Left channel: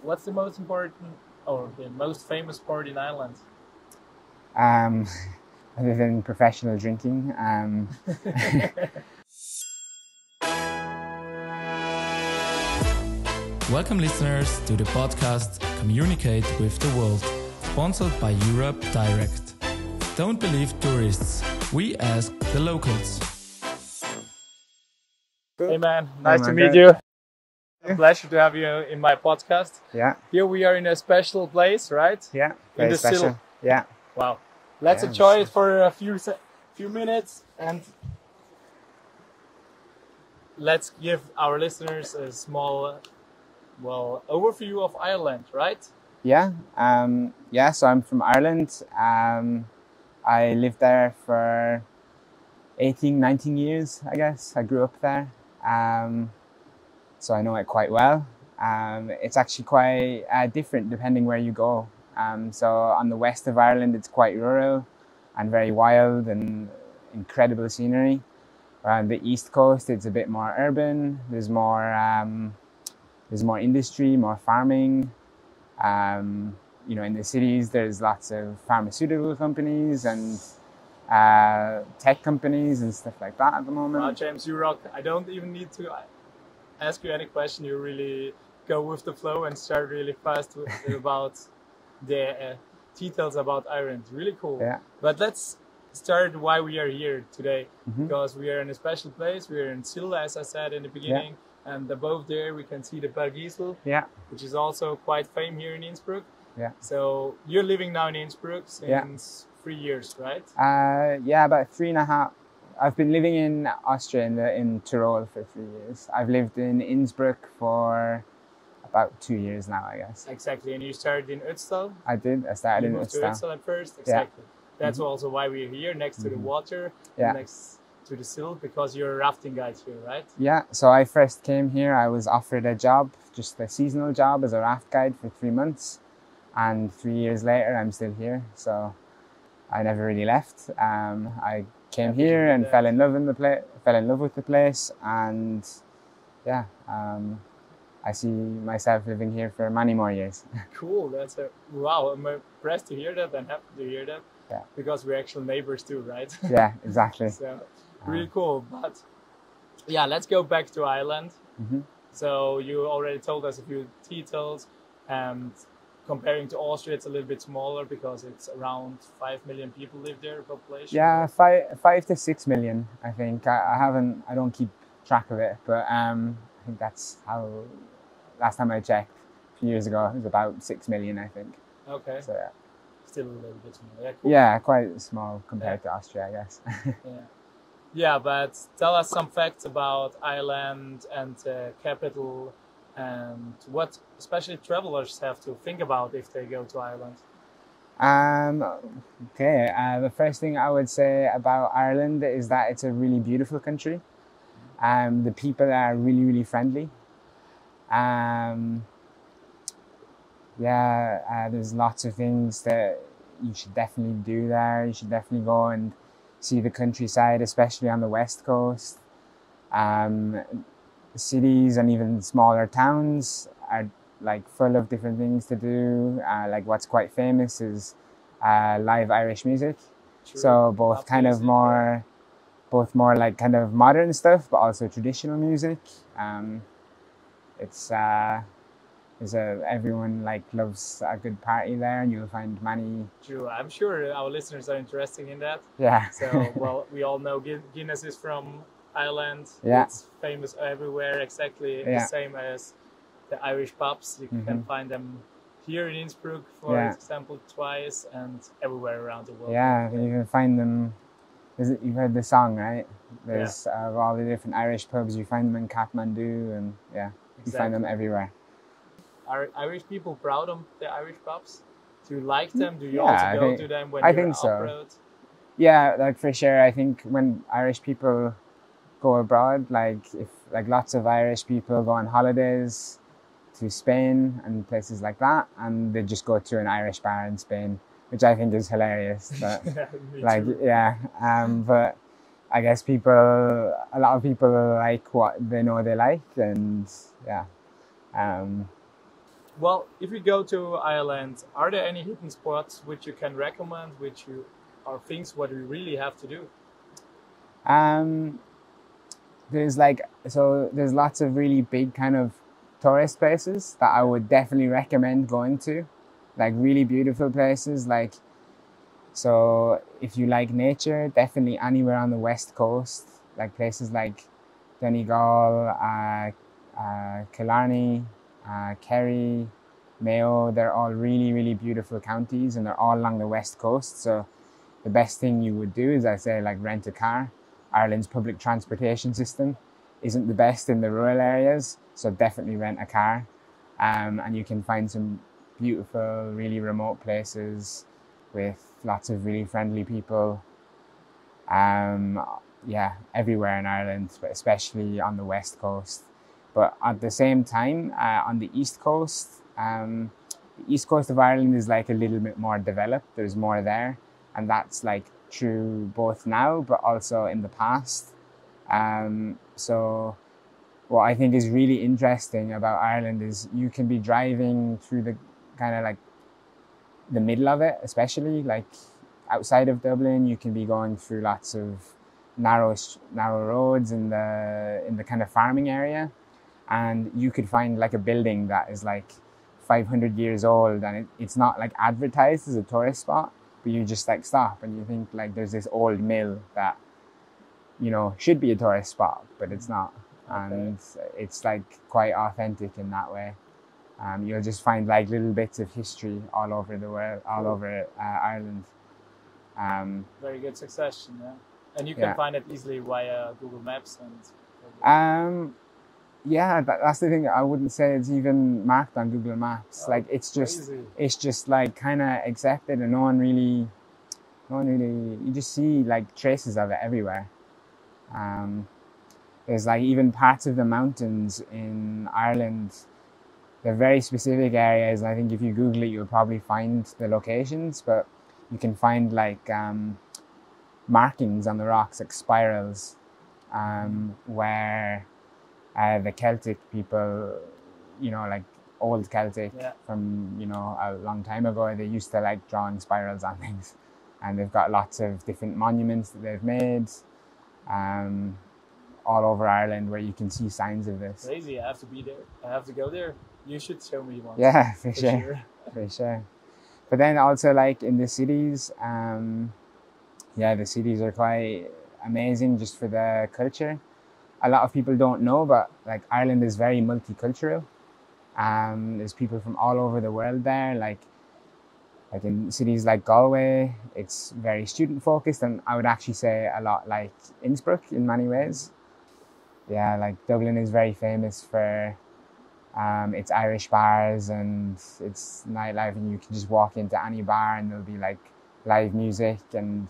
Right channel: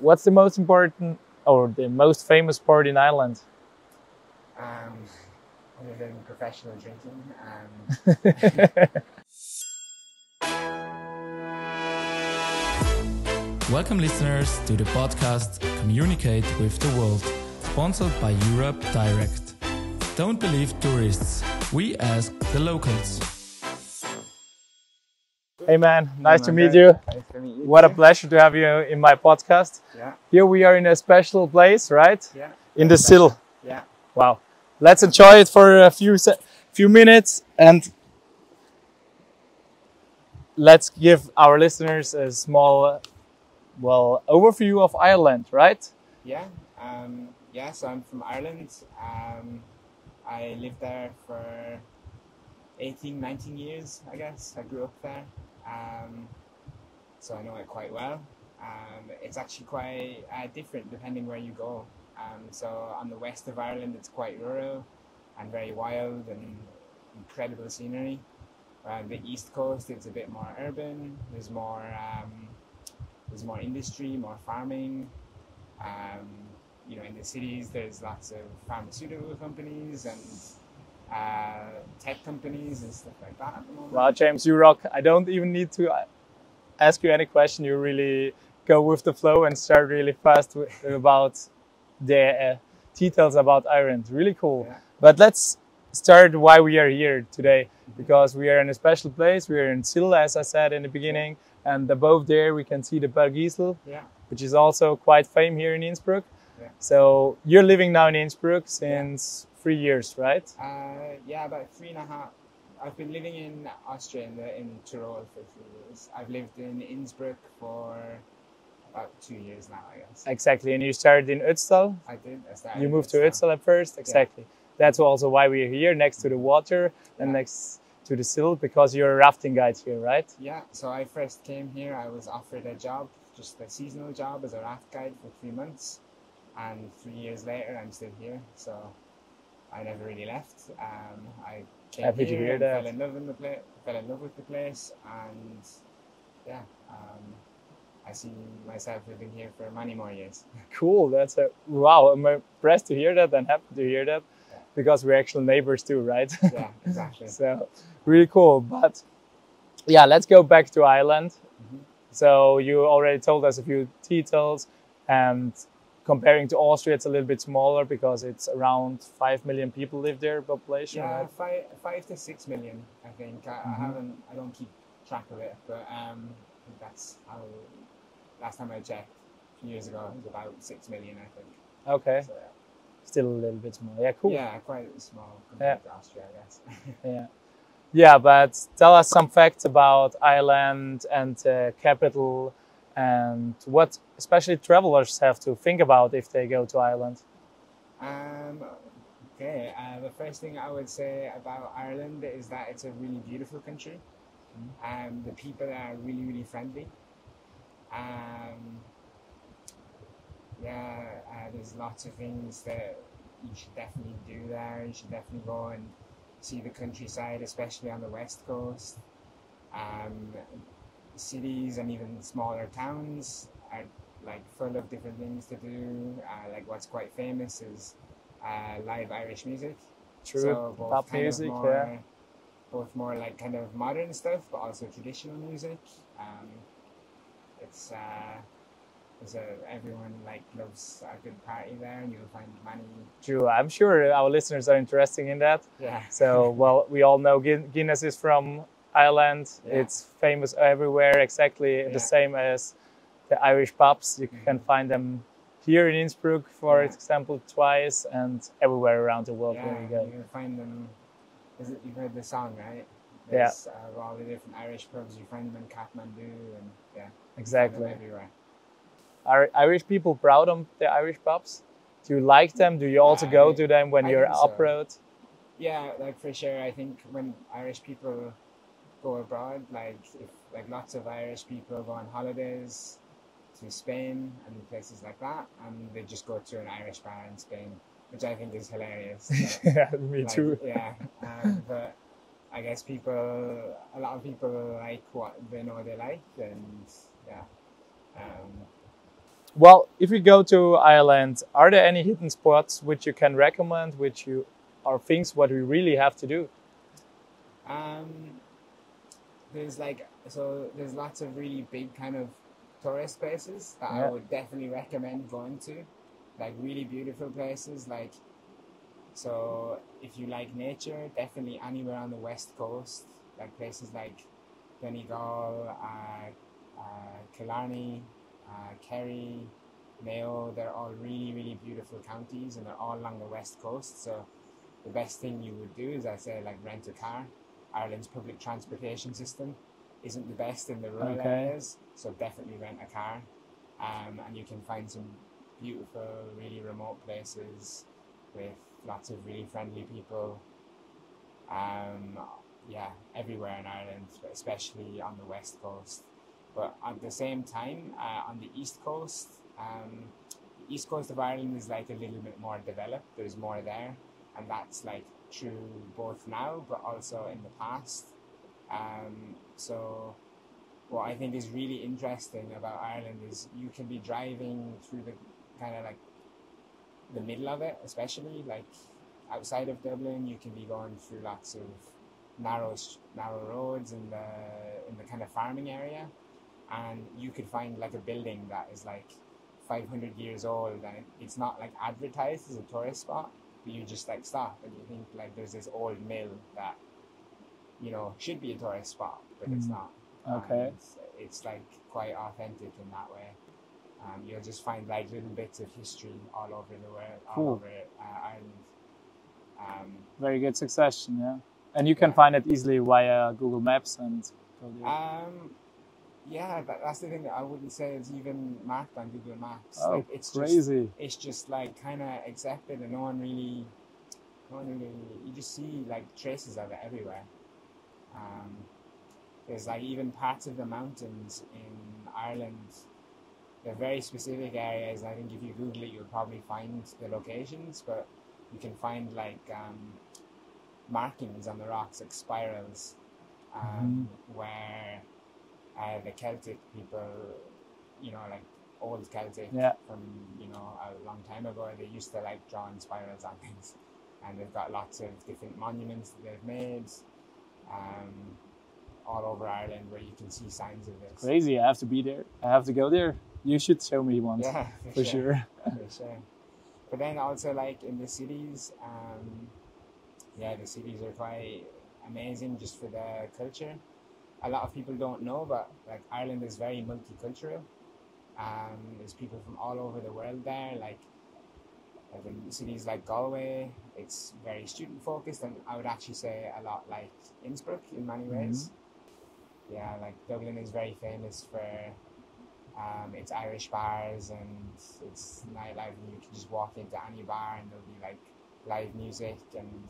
what's the most important or the most famous sport in Ireland? Other than professional drinking, Welcome listeners to the podcast Communicate with the World, sponsored by Europe Direct. Don't believe tourists, we ask the locals. Hey man, nice to Hey, meet you. Nice to meet you. What a pleasure to have you in my podcast. Yeah, Here we are in a special place, right? yeah. In very the special. Sill. Yeah. Wow. Let's Yeah. enjoy it for a few minutes and let's give our listeners a small overview of Ireland, right? Yeah. So I'm from Ireland. I lived there for 18, 19 years, I guess. I grew up there. So I know it quite well. It's actually quite different depending where you go. So on the west of Ireland, it's quite rural and very wild and incredible scenery. On the east coast, it's a bit more urban. There's more industry, more farming. In the cities, there's lots of pharmaceutical companies and tech companies and stuff like that at the moment. Wow, James, you rock. I don't even need to ask you any question. You really go with the flow and start really fast about the details about Ireland. Really cool. Yeah. But let's start why we are here today. Because we are in a special place. We are in Sill, as I said in the beginning. And above there, we can see the Bergisel, Yeah. which is also quite famous here in Innsbruck. Yeah. So you're living now in Innsbruck since 3 years, right? About 3.5. I've been living in Austria in Tirol for 3 years. I've lived in Innsbruck for about 2 years now, I guess. Exactly. And you started in Utstal. I did. I started. You in moved to Utstal. Utstal at first. Exactly. That's also why we're here, next to the water Yeah. and next to the Sill, because you're a rafting guide here, right? Yeah. So I first came here. I was offered a job, just a seasonal job as a raft guide for 3 months, and 3 years later, I'm still here. So I never really left. I came Happy to here hear and that. fell in love with the place, and yeah. I see myself living here for many more years. Cool. Wow. I'm impressed to hear that and happy to hear that, Yeah. because we're actual neighbors too, right? Yeah, exactly. So really cool. But yeah, let's go back to Ireland. So you already told us a few details, and comparing to Austria, it's a little bit smaller because it's around 5 million people live there, population. Yeah, 5 to 6 million, I think. I don't keep track of it, but I think that's how, last time I checked, a few years ago, it was about 6 million, I think. Okay. So yeah. Still a little bit small. Yeah, cool. Yeah, quite small compared to Austria, I guess. Yeah. Yeah, but tell us some facts about Ireland and the capital, and what especially travelers have to think about if they go to Ireland. Okay, the first thing I would say about Ireland is that it's a really beautiful country. The people are really, really friendly. There's lots of things that you should definitely do there. You should definitely go and see the countryside, especially on the west coast. Cities and even smaller towns are like full of different things to do. Like what's quite famous is live Irish music. True. So both Pop kind music, of more, both more like kind of modern stuff, but also traditional music. Everyone like loves a good party there, and you'll find many. True. I'm sure our listeners are interested in that. Yeah. So, well, we all know Guinness is from Ireland. Yeah. It's famous everywhere, exactly the Yeah. same as the Irish pubs. You can find them here in Innsbruck, for example, twice, and everywhere around the world. Yeah, you can find them. You've heard the song, right? There's all the different Irish pubs. You find them in Kathmandu, and you find them everywhere. Are Irish people proud of the Irish pubs? Do you like them? Do you also go to them when you're abroad? Yeah, like for sure. I think when Irish people go abroad, like lots of Irish people go on holidays to Spain and places like that, and they just go to an Irish bar in Spain, which I think is hilarious. But, Yeah, me too. But I guess a lot of people like what they know they like, and Well, if we go to Ireland, are there any hidden spots which you can recommend, which you are things what we really have to do? Um, there's there's lots of really big kind of tourist places that I would definitely recommend going to, like really beautiful places. Like, so if you like nature, definitely anywhere on the west coast, like places like Donegal, Killarney, Kerry, Mayo. They're all really, really beautiful counties, and they're all along the west coast. So the best thing you would do is, I say, like rent a car. Ireland's public transportation system isn't the best in the rural areas, so definitely rent a car. And you can find some beautiful, really remote places with lots of really friendly people. Yeah, everywhere in Ireland, but especially on the west coast. But at the same time, on the east coast, the east coast of Ireland is like a little bit more developed. There's more there, and that's like true both now, but also in the past. So what I think is really interesting about Ireland is you can be driving through the kind of like the middle of it, especially like outside of Dublin. You can be going through lots of narrow roads in the kind of farming area, and you could find like a building that is like 500 years old, and it's not like advertised as a tourist spot, but you just like stop and you think like there's this old mill that, you know, should be a tourist spot, but it's not. And it's like quite authentic in that way. You'll just find like little bits of history all over the world, all over Ireland. Very good succession, yeah. And you can find it easily via Google Maps and. Yeah, that's the thing. I wouldn't say it's even marked on Google Maps. Like it's just like kind of accepted, and no one really. You just see like traces of it everywhere. There's like even parts of the mountains in Ireland. They're very specific areas. I think if you Google it, you'll probably find the locations, but you can find like markings on the rocks, like spirals, where the Celtic people, you know, like old Celtic from, you know, a long time ago, they used to like drawing spirals on things, and they've got lots of different monuments that they've made all over Ireland where you can see signs of this. Crazy! I have to be there. I have to go there. You should show me once. Yeah, for sure. For sure. But then also like in the cities, the cities are quite amazing just for the culture. A lot of people don't know, but like Ireland is very multicultural. There's people from all over the world there. Like in cities like Galway, it's very student focused, and I would actually say a lot like Innsbruck in many ways. Yeah, like Dublin is very famous for its Irish bars and its nightlife, and you can just walk into any bar and there'll be like live music, and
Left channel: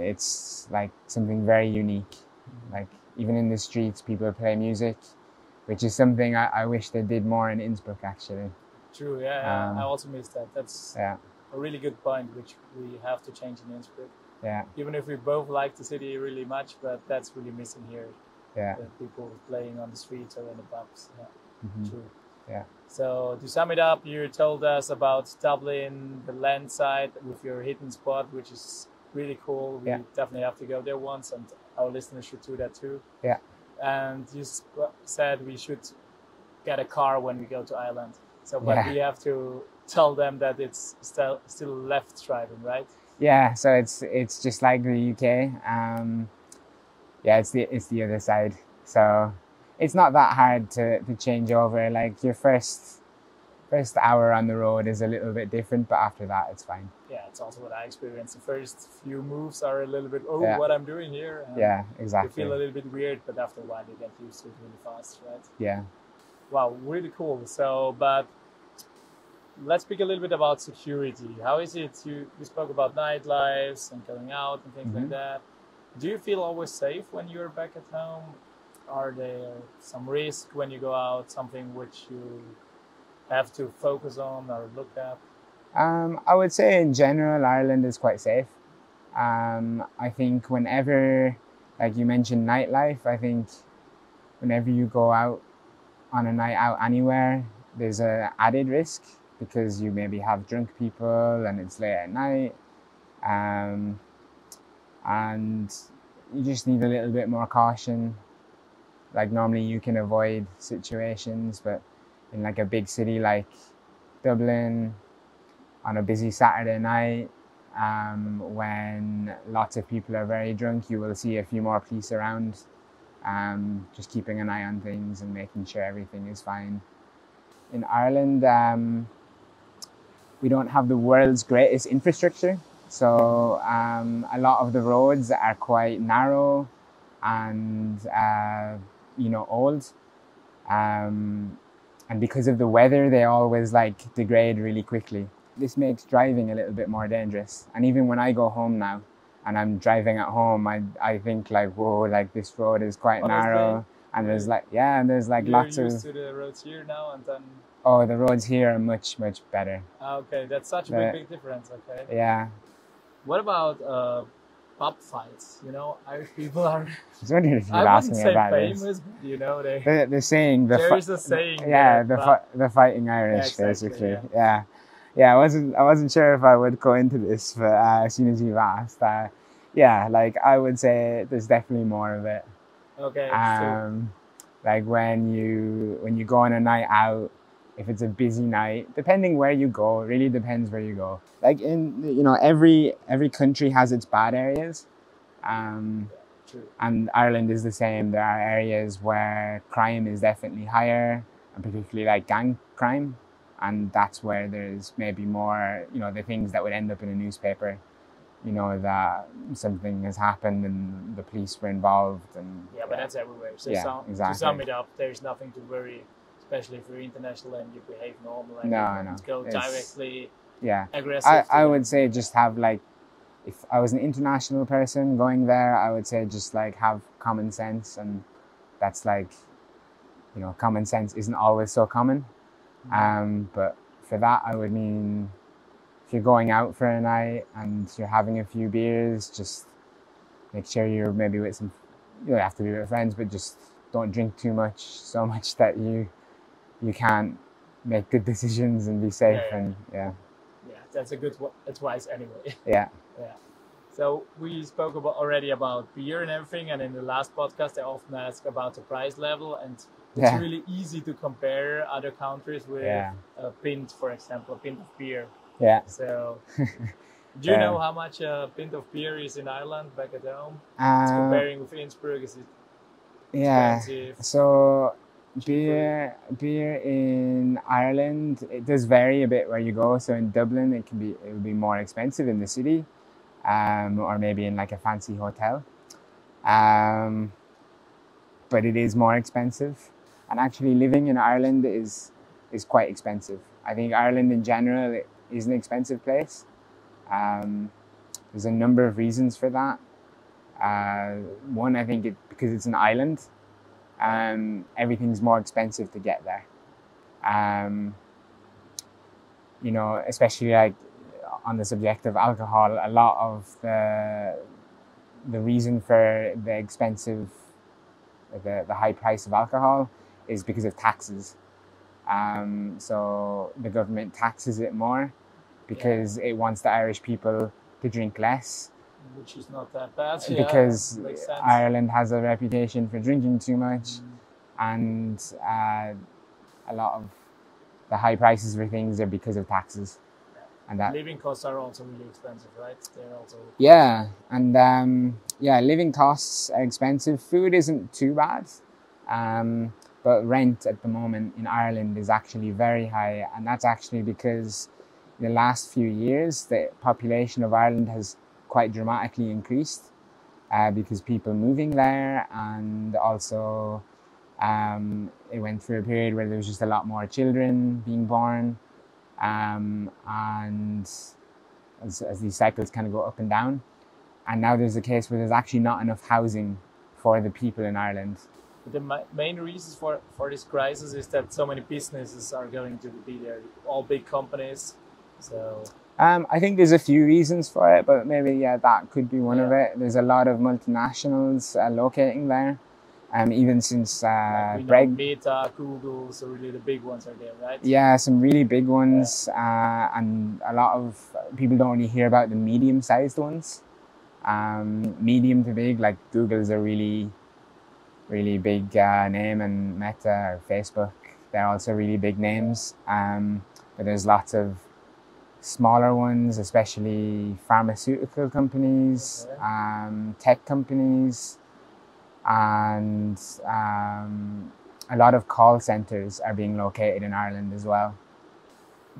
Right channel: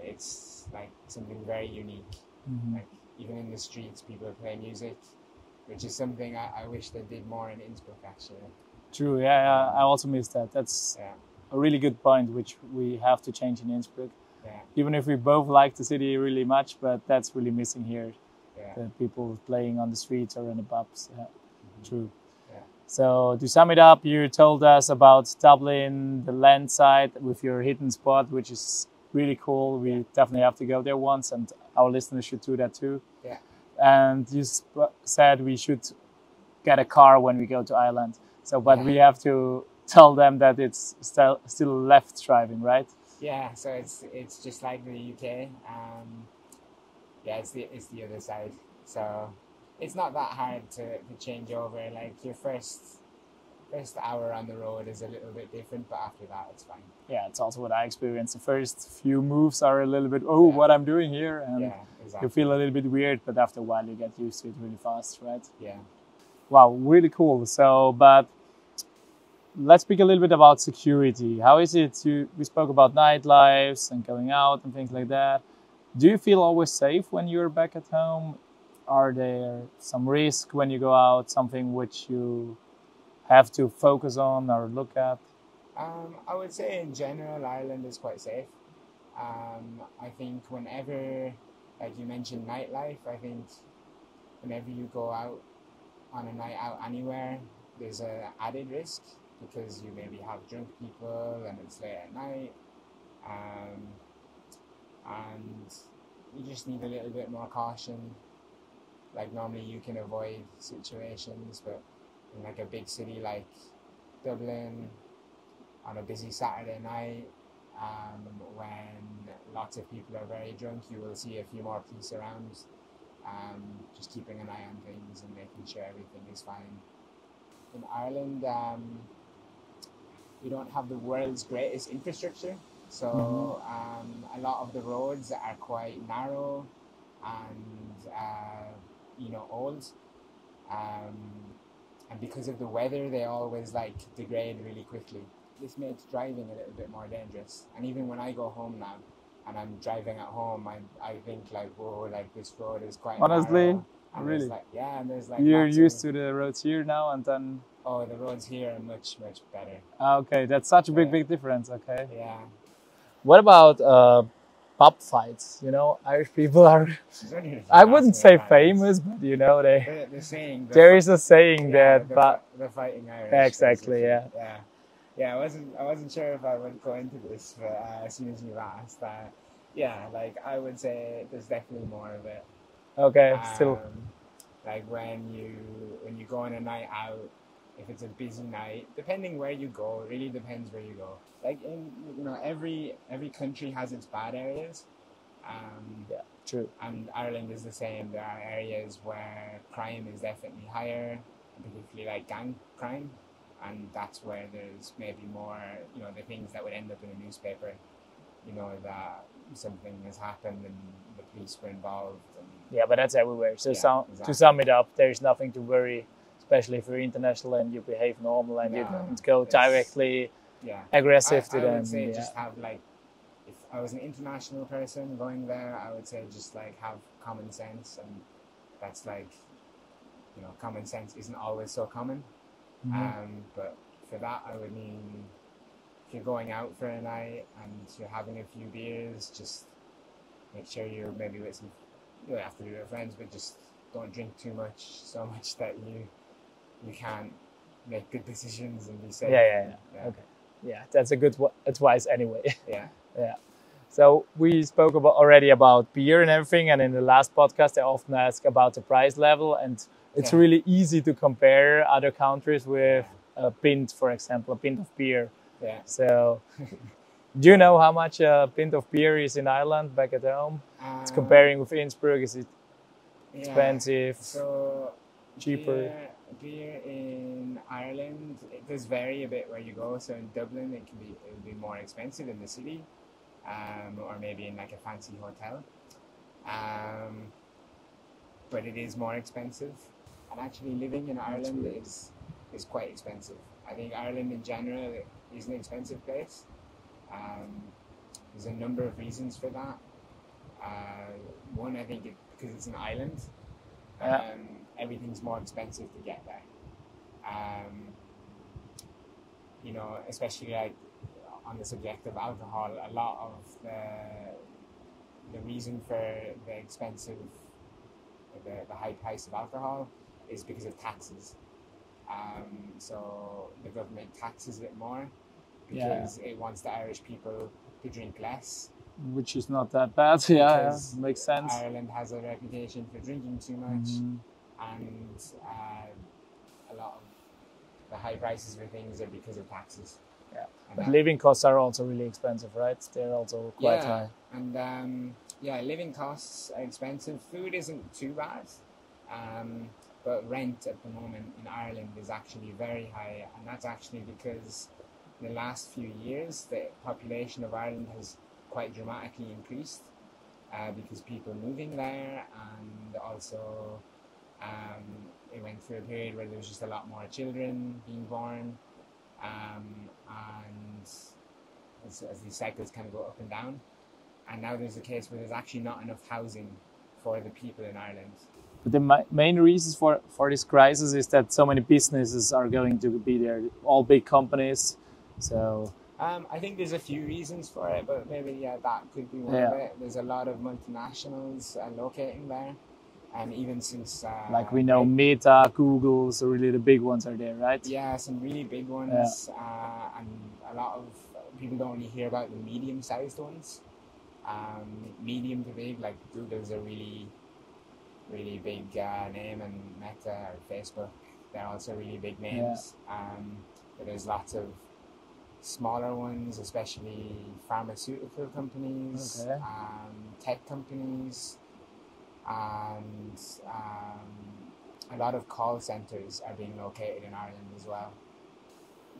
it's like something very unique. Like even in the streets, people play music, which is something I wish they did more in Innsbruck actually. True, yeah. I also miss that. That's a really good point, which we have to change in Innsbruck. Yeah. Even if we both like the city really much, but that's really missing here. Yeah. The people playing on the streets or in the pubs. Yeah. True. Yeah. So to sum it up, you told us about Dublin, the land side with your hidden spot, which is really cool. We definitely have to go there once, and our listeners should do that too. Yeah. And you said we should get a car when we go to Ireland. So, but we have to tell them that it's still left driving, right? Yeah. So it's just like the UK. It's the other side. So it's not that hard to change over. Like your first hour on the road is a little bit different, but after that it's fine. Yeah, it's also what I experienced. The first few moves are a little bit, what I'm doing here. And exactly. You feel a little bit weird, but after a while you get used to it really fast, right? Yeah. Wow, really cool. So, but let's speak a little bit about security. How is it? We spoke about nightlives and going out and things like that. Do you feel always safe when you're back at home? Are there some risk when you go out, something which you have to focus on or look at? I would say in general, Ireland is quite safe. I think whenever, like you mentioned nightlife, I think whenever you go out on a night out anywhere, there's a added risk because you maybe have drunk people and it's late at night, and you just need a little bit more caution. Like normally you can avoid situations, but in like a big city like Dublin on a busy Saturday night, when lots of people are very drunk, you will see a few more police around, just keeping an eye on things and making sure everything is fine. In Ireland, we don't have the world's greatest infrastructure, so a lot of the roads are quite narrow and old, and because of the weather, they always degrade really quickly. This makes driving a little bit more dangerous. And even when I go home now and I'm driving at home, I think whoa, this road is quite narrow. And really? There's You're lots used to the roads here now, and then... Oh, the roads here are much, much better. Okay, that's such a big difference, okay. Yeah. What about pub fights? Irish people are... I wouldn't say famous, but the saying... There is a saying the fighting Irish, exactly, basically. Yeah, I wasn't sure if I would go into this, but as soon as you've asked, I would say there's definitely more of it. Okay. When you go on a night out, if it's a busy night, depending where you go, it really depends where you go. Every country has its bad areas. True. And Ireland is the same. There are areas where crime is definitely higher, and particularly gang crime. And that's where there's maybe more, the things that would end up in a newspaper, that something has happened and the police were involved. Yeah, but that's everywhere. So exactly. To sum it up, there's nothing to worry, especially if you're international and you behave normal and you go directly aggressive. I would say just have if I was an international person going there, I would say just have common sense, and that's common sense isn't always so common. But for that, I would mean if you're going out for a night and you're having a few beers, just make sure you're maybe with some, you don't have to be with friends, but just don't drink too much, so much that you can't make good decisions and be safe. Yeah, that's a good advice anyway. Yeah. So we spoke already about beer and everything, and in the last podcast I often ask about the price level, and it's really easy to compare other countries with a pint, for example, a pint of beer. Yeah. So, do you know how much a pint of beer is in Ireland back at home? It's comparing with Innsbruck. Is it expensive? So beer in Ireland, it does vary a bit where you go. So in Dublin, it will be more expensive in the city, or maybe in a fancy hotel. But it is more expensive. And actually living in Ireland is quite expensive. I think Ireland in general is an expensive place. There's a number of reasons for that. One, I think because it's an island, everything's more expensive to get there. Especially on the subject of alcohol, a lot of the reason for the expensive, the high price of alcohol is because of taxes. So the government taxes it more because it wants the Irish people to drink less. Which is not that bad. Because makes sense. Ireland has a reputation for drinking too much, and a lot of the high prices for things are because of taxes. Yeah. And living costs are also really expensive, right? They're also living costs are expensive. Food isn't too bad. But rent at the moment in Ireland is actually very high, and that's actually because the last few years the population of Ireland has quite dramatically increased because people moving there, and also it went through a period where there was just a lot more children being born, and as these cycles kind of go up and down, and now there's a case where there's actually not enough housing for the people in Ireland. But the main reasons for this crisis is that so many businesses are going to be there, all big companies. So I think there's a few reasons for it, but maybe that could be one of it. There's a lot of multinationals locating there, Even since Like we know Meta, Google, so really the big ones are there, right? Yeah, some really big ones, and a lot of people don't really hear about the medium-sized ones. Medium to big, like Google's a really big name, and Meta or Facebook, they're also really big names. But there's lots of smaller ones, especially pharmaceutical companies, tech companies, and a lot of call centers are being located in Ireland as well.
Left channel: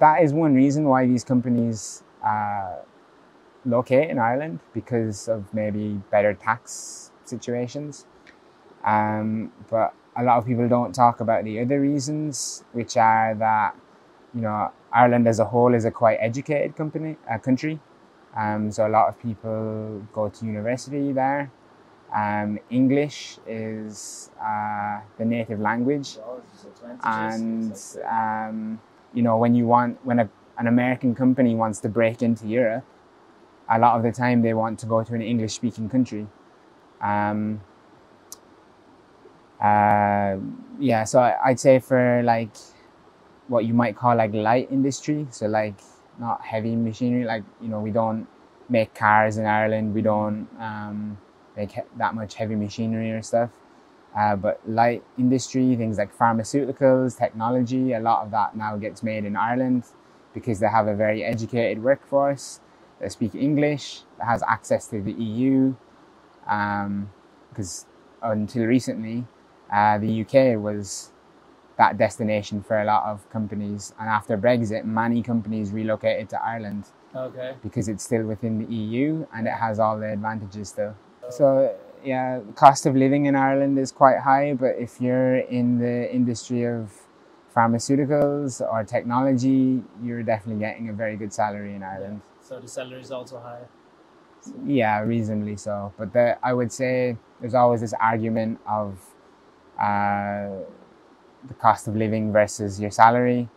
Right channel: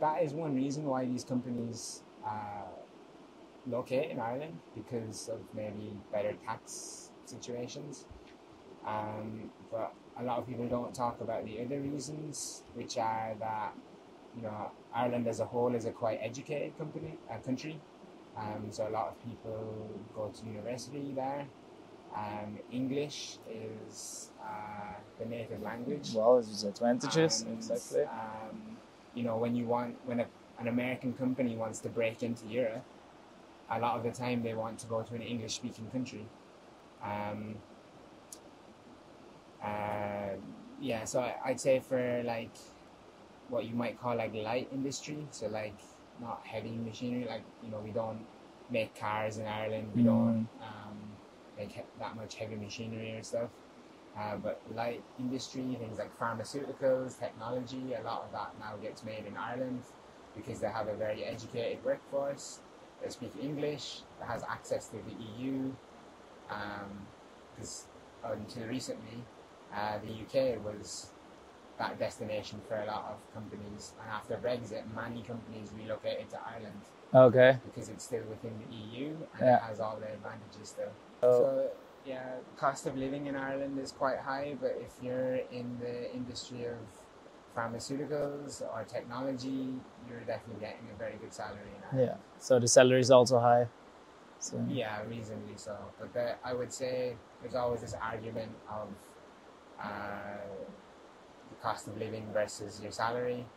That is one reason why these companies locate in Ireland, because of maybe better tax situations. But a lot of people don't talk about the other reasons, which are that, Ireland as a whole is a quite educated country. So a lot of people go to university there. English is the native language. Well, there's advantages. And exactly. when an American company wants to break into Europe, a lot of the time they want to go to an English-speaking country. So I'd say for like what you might call like light industry, so like not heavy machinery, like we don't make cars in Ireland, we don't make that much heavy machinery or stuff, but light industry, things like pharmaceuticals, technology, a lot of that now gets made in Ireland because they have a very educated workforce that speak English, that has access to the EU, because until recently the UK was that destination for a lot of companies, and after Brexit many companies relocated to Ireland. Okay. Because it's still within the EU and it has all the advantages still. So yeah, the cost of living in Ireland is quite high, but if you're in the industry of pharmaceuticals or technology, you're definitely getting a very good salary in Ireland. Yeah. So the salary is also high. So. Yeah, reasonably so. But I would say there's always this argument of the cost of living versus your salary.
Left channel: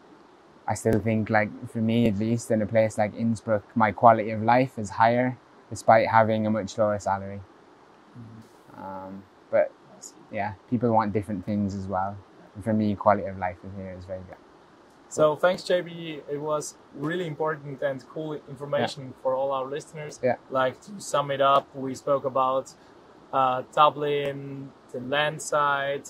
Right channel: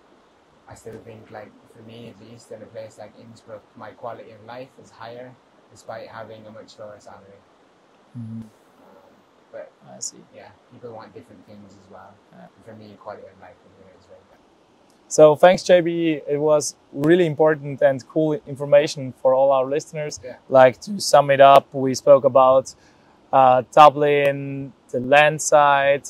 I still think, like for me at least, in a place like Innsbruck, my quality of life is higher despite having a much lower salary. But I see. Yeah, people want different things as well. And for me, quality of life in here is very good. So thanks, JB. It was really important and cool information for all our listeners. Yeah. Like, to sum it up, we spoke about Dublin, the land side.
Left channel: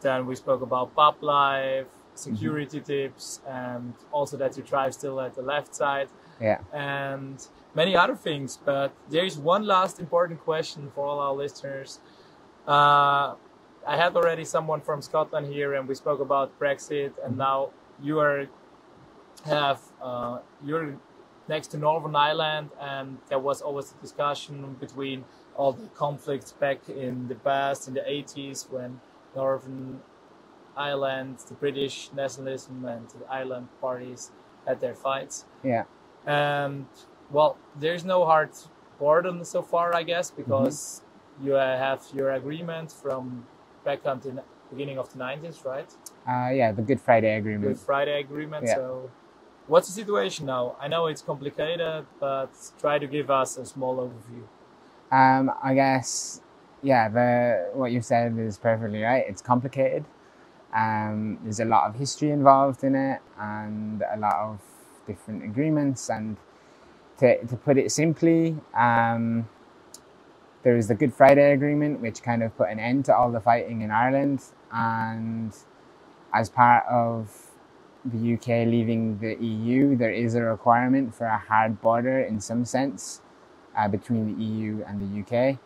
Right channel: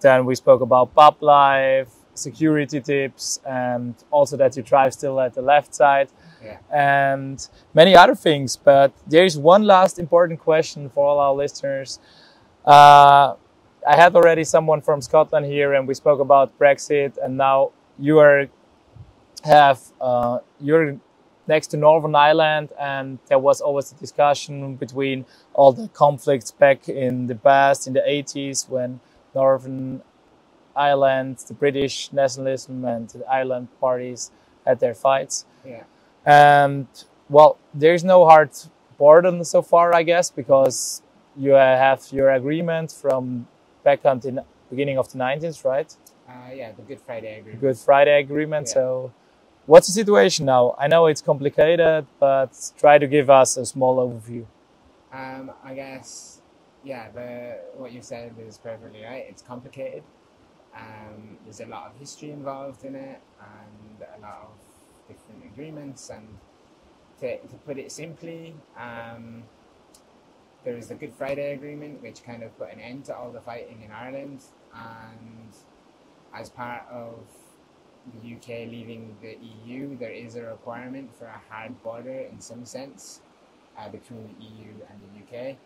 Then we spoke about pub life, security tips, and also that you drive still at the left side. Yeah. And many other things. But there is one last important question for all our listeners. I had already someone from Scotland here, and we spoke about Brexit, and now you're next to Northern Ireland, and there was always a discussion between all the conflicts back in the past, in the 80s, when Northern Ireland, the British nationalism and the Ireland parties had their fights. Yeah. And well, there's no hard border so far, I guess, because you have your agreement from back on the beginning of the 90s, right? Yeah, the Good Friday Agreement. Good Friday Agreement. Yeah. So what's the situation now? I know it's complicated, but try to give us a small overview. I guess, yeah, what you said is perfectly right. It's complicated. There's a lot of history involved in it and a lot of different agreements. And to put it simply, there's the Good Friday Agreement, which kind of put an end to all the fighting in Ireland. And as part of the UK leaving the EU, there is a requirement for a hard border in some sense between the EU and the UK.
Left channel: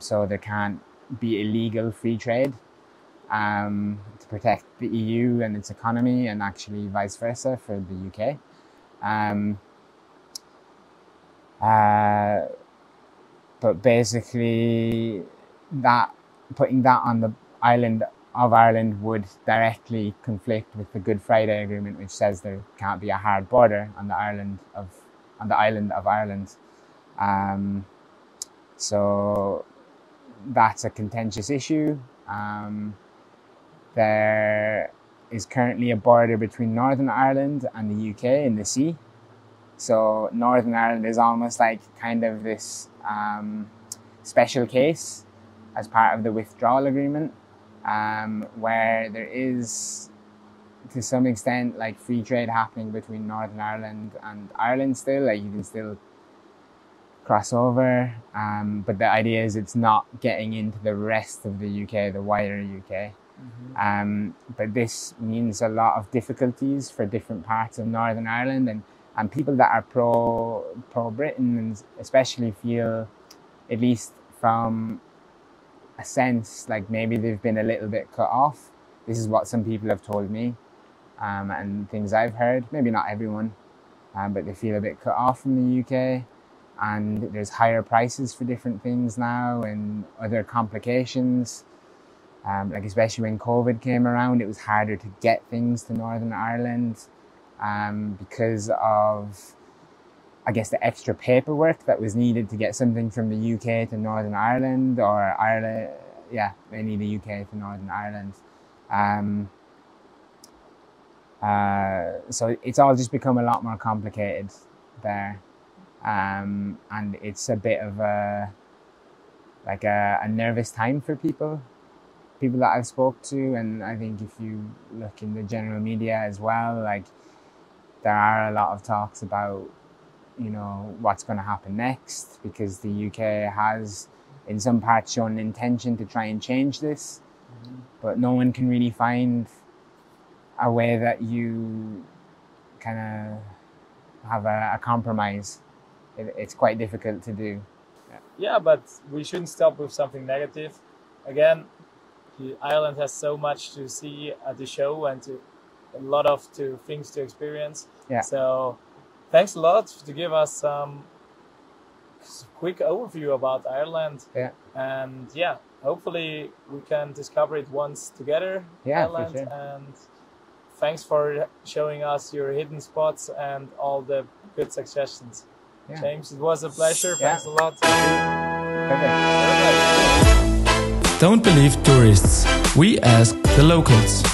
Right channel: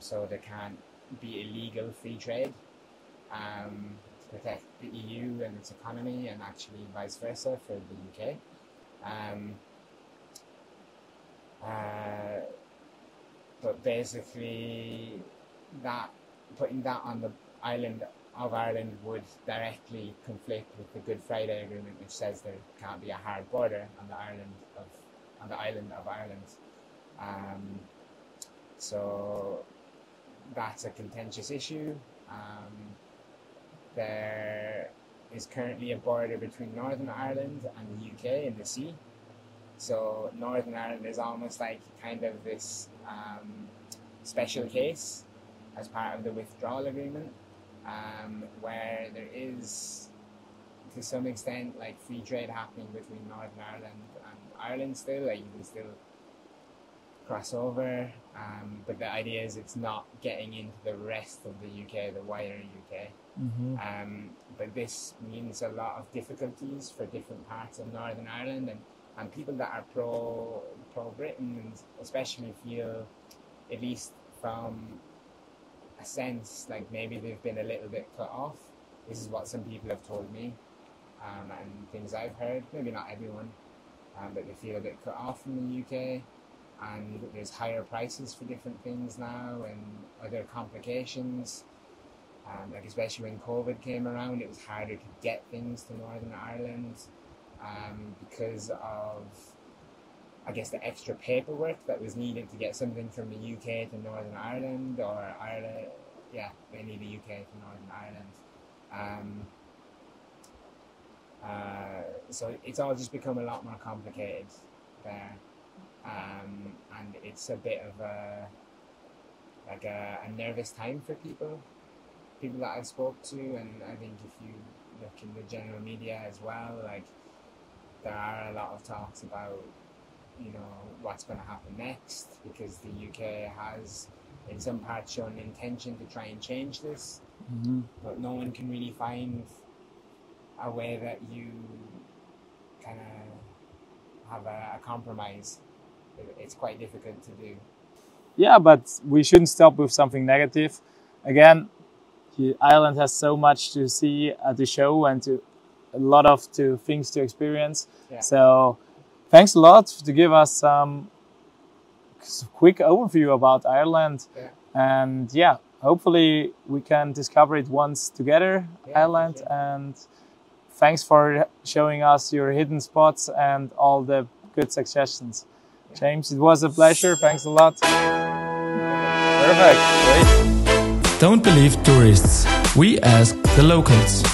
So there can't be illegal free trade to protect the EU and its economy, and actually vice versa for the UK. But basically, putting that on the island of Ireland would directly conflict with the Good Friday Agreement, which says there can't be a hard border on the island of Ireland. So that's a contentious issue. There is currently a border between Northern Ireland and the UK in the sea. So Northern Ireland is almost like kind of this special case as part of the withdrawal agreement, where there is, to some extent, like free trade happening between Northern Ireland and Ireland still. Like you can still cross over, but the idea is it's not getting into the rest of the UK, the wider UK. But this means a lot of difficulties for different parts of Northern Ireland, and people that are pro-Britain, and especially feel, at least from a sense, like maybe they've been a little bit cut off. This is what some people have told me, and things I've heard. Maybe not everyone, but they feel a bit cut off from the UK, and there's higher prices for different things now and other complications. Like especially when COVID came around, it was harder to get things to Northern Ireland because of, I guess, the extra paperwork that was needed to get something from the UK to Northern Ireland, or Ireland, yeah, mainly the UK to Northern Ireland. So it's all just become a lot more complicated there. And it's a bit of a nervous time for people that I've spoke to. And I think if you look in the general media as well, like there are a lot of talks about, you know, what's going to happen next, because the UK has in some parts shown an intention to try and change this, but no one can really find a way that you kind of have a compromise. It's quite difficult to do. Yeah, but we shouldn't stop with something negative. Again, Ireland has so much to see at the show, and a lot of things to experience. Yeah. So thanks a lot to give us some quick overview about Ireland. Yeah. And yeah, hopefully we can discover it once together, Ireland. For sure. And thanks for showing us your hidden spots and all the good suggestions. Yeah. James, it was a pleasure. Yeah. Thanks a lot. Don't believe tourists. We ask the locals.